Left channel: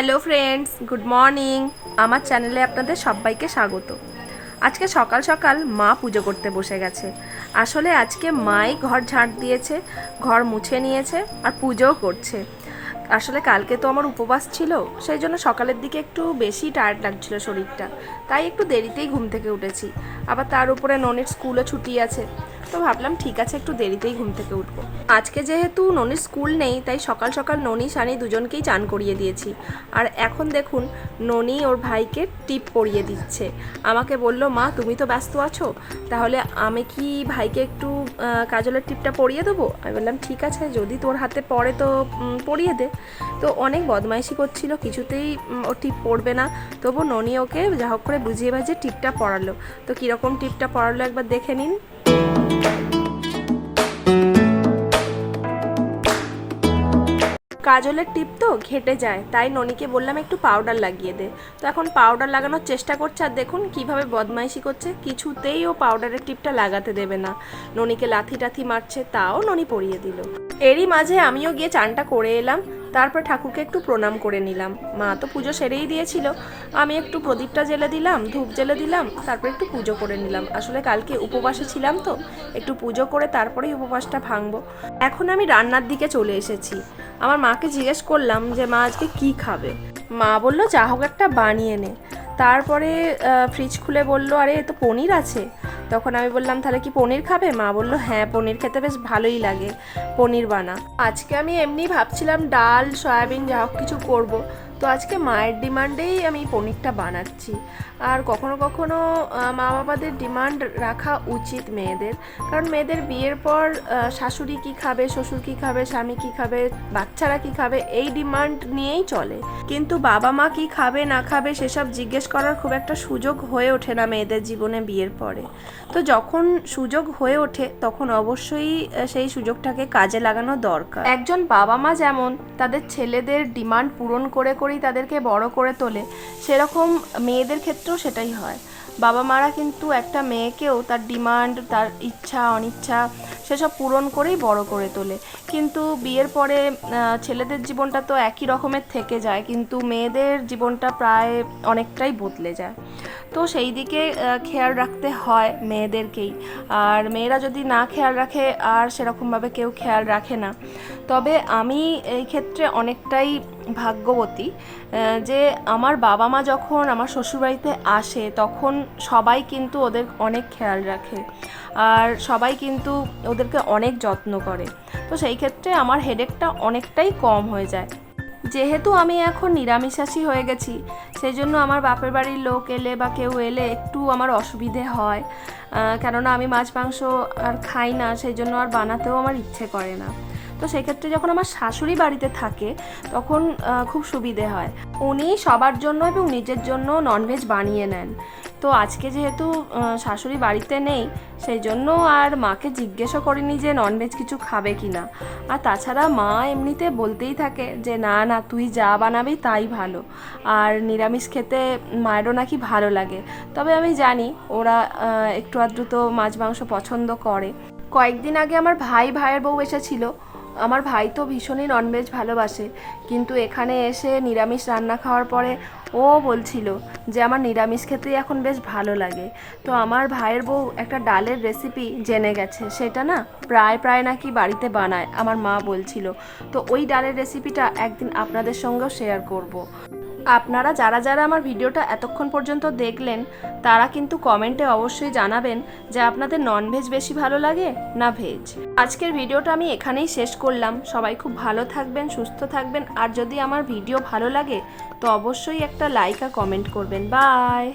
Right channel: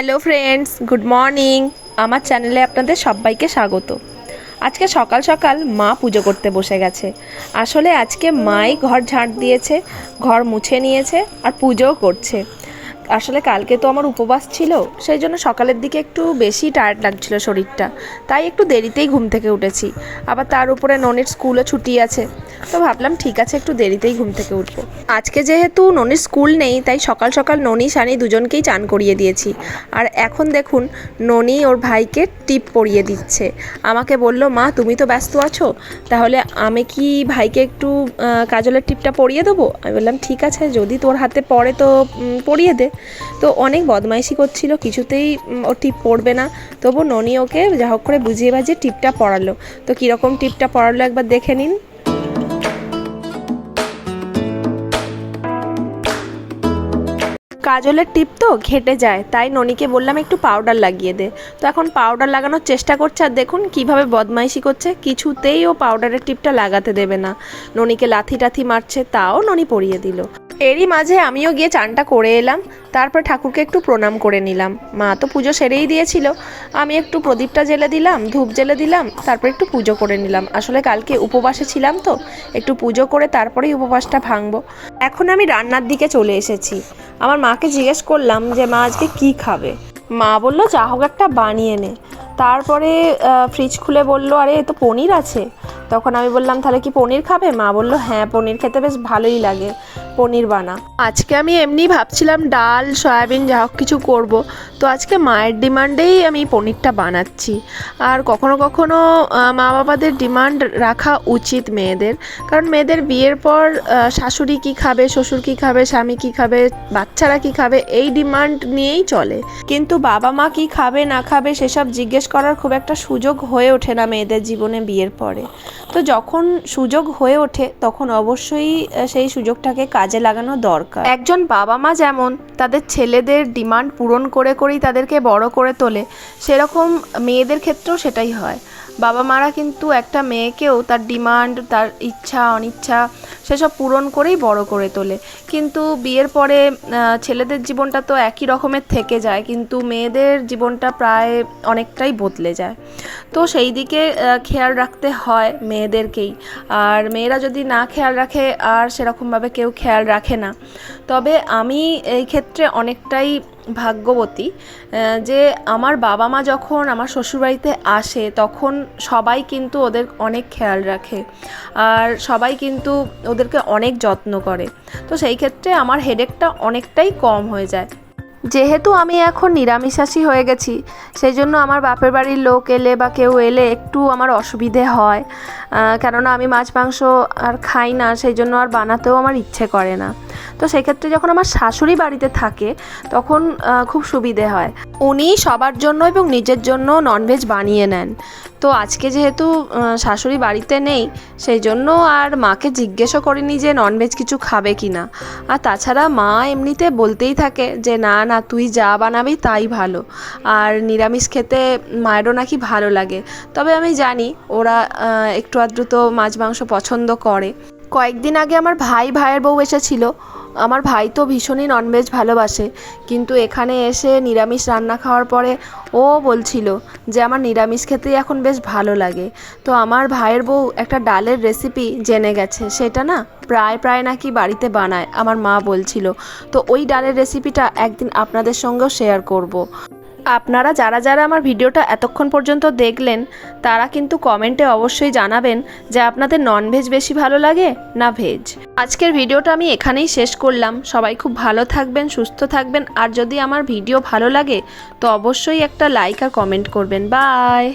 Hello friends, good morning. আমার চ্যানেলে আপনাদের সবাইকে স্বাগত। আজকে সকাল সকাল মা পুজো করতে বসে গেছে। আসলে আজকে মাই ঘর ঝাঁট দিয়েছে, ঘর মুছে নিয়েছে আর পুজোও করছে। আসলে কালকে তো আমার উপবাস ছিল, সেই জন্য সকালের দিকে একটু বেশি টায়ার্ড লাগছিল শরীরটা, তাই একটু দেরিতেই ঘুম থেকে উঠেছি। আবার তার উপরে ননির স্কুলও ছুটি আছে, তো ভাবলাম ঠিক আছে একটু দেরিতেই ঘুম থেকে উঠবো। আজকে যেহেতু ননির স্কুল নেই, তাই সকাল সকাল ননি সানি দুজনকেই চান করিয়ে দিয়েছি। আর এখন দেখুন ননি ওর ভাইকে টিপ পরিয়ে দিচ্ছে। আমাকে বলল, মা তুমি তো ব্যস্ত আছো, তাহলে আমি কি ভাইকে একটু কাজলের টিপটা পরিয়ে দেবো? আমি বললাম ঠিক আছে, যদি তোর হাতে পড়ে তো পরিয়ে দে। তো অনেক বদমাইশি করছিল, কিছুতেই ও টিপ পড়বে না। তবু ননি ওকে যা হোক করে বুঝিয়ে বাজিয়ে টিপটা পড়ালো। তো কীরকম টিপটা পড়ালো একবার দেখে নিন। কাজলের টিপ তো ঘেটে যায়, তাই ননিকে বললাম একটু পাউডার লাগিয়ে দে। তো এখন পাউডার লাগানোর চেষ্টা করছে, আর দেখুন কিভাবে বদমাইশি করছে, কিছুতেই ও পাউডারের টিপটা লাগাতে দেবে না। ননিকে লাথি টাথি মারছে, তাও ননি পরিয়ে দিল। এরই মাঝে আমিও গিয়ে চানটা করে এলাম, তারপর ঠাকুরকে একটু প্রণাম করে নিলাম। মা তো পুজো সেরেই দিয়েছিল, আমি একটু প্রদীপটা জ্বেলে দিলাম, ধূপ জ্বেলে দিলাম, তারপর একটু পুজো করে নিলাম। আসলে কালকে উপবাসে ছিলাম তো, একটু পুজো করে তারপরেই উপবাসটা ভাঙবো। এখন আমি রান্নার দিকে চলে এসেছি। আমার মাকে জিজ্ঞেস করলাম যে মা আজকে কি খাবে। মা বলল যা হোক একটা বানিয়ে নে। তারপরে ফ্রিজ খুলে বলল, আরে এ তো পনির আছে। তখন আমি বললাম তাহলে কি পনির খাবে? মা বলল হ্যাঁ, পনির খেতে বেশ ভালোই লাগে, পনির বানা। আজকে আমি এমনি ভাবছিলাম ডাল সয়াবিন যা হোক কিছু করব, তো আজকে মায়ের ডিমান্ডেই আমি পনিরটা বানাচ্ছি। আর কখনো কখনো মা বাবাদের ডিমান্ড রাখা উচিত মেয়েদের, কারণ মেয়েদের বিয়ের পর শাশুড়ি কী খাবে, শ্বশুর কী খাবে, স্বামী কী খাবে, বাচ্চারা কী খাবে, এই ডিমান্ড নিয়েই চলে। কিন্তু বাবা মা কী খাবে না খাবে সেসব জিজ্ঞেস করার খুব একটা সুযোগ হয়ে ওঠে না মেয়েদের জীবনে বিয়ের পরে। তো যখন সুযোগ হয়ে ওঠে তখন অবশ্যই সেই সুযোগটাকে কাজে লাগানো দরকার। একজন বাবা মা যেমন তাদের ছেলেদের ডিমান্ড পূরণ করে করেই তাদেরকে বড় করে তোলে, সেরকম মেয়েদের ক্ষেত্রেও সেটাই হয়। বাবা মারা কিন্তু একটা মেয়েকেও তার ডিমান্ড, তার ইচ্ছা অনিচ্ছা সেসব পূরণ করেই বড় করে তোলে। কিন্তু বিয়ের পরে ছেলেদের জীবনটা তো একই রকমের থেকে যায়, কিন্তু মেয়েদের জীবনটা প্রায় অনেকটাই বদলে যায়। তো সেই দিকে খেয়াল রাখতে হয় মেয়েদেরকেই। আর মেয়েরা যদি না খেয়াল রাখে আর সেরকমভাবে কেউ খেয়াল রাখে না। তবে আমি এই ক্ষেত্রে অনেকটাই ভাগ্যবতী যে আমার বাবা মা যখন আমার শ্বশুরবাড়িতে আসে তখন সবাই কিন্তু ওদের অনেক খেয়াল রাখে, আর সবাই কিন্তু ওদেরকে অনেক যত্ন করে। তো সেই ক্ষেত্রে আমার হেডেকটা অনেকটাই কম হয়ে যায়। যেহেতু আমি এখন নিরামিষাশী হয়ে গেছি, সেই জন্য আমার বাপের বাড়ির লোক এলে বা কেউ এলে একটু আমার অসুবিধে হয়, কেননা আমি মাছ মাংস আর খাই না, সেই জন্য আর বানাতেও আমার ইচ্ছে করে না। তো সেক্ষেত্রে যখন আমার শাশুড়ি বাড়িতে থাকে তখন খুব সুবিধে হয়, উনি সবার জন্য এবং নিজের জন্য ননভেজ বানিয়ে নেন। তো আজকে যেহেতু শাশুড়ি বাড়িতে নেই, সেই জন্য আর মাকে জিজ্ঞেসও করিনি যে ননভেজ কিছু খাবে কি না। আর তাছাড়া মা এমনিতে বলতেই থাকে যে না না তুই যা বানাবি তাই ভালো, আর নিরামিষ খেতে মায়েরও নাকি ভালো লাগে। তবে আমি জানি ওরা একটু আধটু তো মাছ মাংস পছন্দ করে। কয়েকদিন আগে আমার ভাইয়ের বউ এসেছিল। আমার ভাই তো ভীষণই ননভেজ ভালোবাসে, কিন্তু এখানে এসে নিরামিষ রান্না খাওয়ার পরে ও বলছিল যে আমার নিরামিষ খেতেই এখন বেশ ভালো লাগে। তো আমার ভাইয়ের বউ একটা ডালের রেসিপি জেনে গেছে, সেটা না প্রায় নাকি বাড়িতে বানায়, আমার মা বলছিল। তো ওই ডালের রেসিপিটা একদিন আপনাদের সঙ্গেও শেয়ার করব। আপনারা যারা যারা আমার ভিডিওটা এতক্ষণ পর্যন্ত দেখলেন তারা কিন্তু কমেন্টে অবশ্যই জানাবেন যে আপনাদের ননভেজ বেশি ভালো লাগে না ভেজ। আজকের ভিডিওটা আমি এখানেই শেষ করলাম। সবাই খুব ভালো থাকবেন, সুস্থ থাকবেন, আর যদি আমার ভিডিও ভালো লাগে তো অবশ্যই একটা লাইক আর কমেন্ট করবেন। বাই।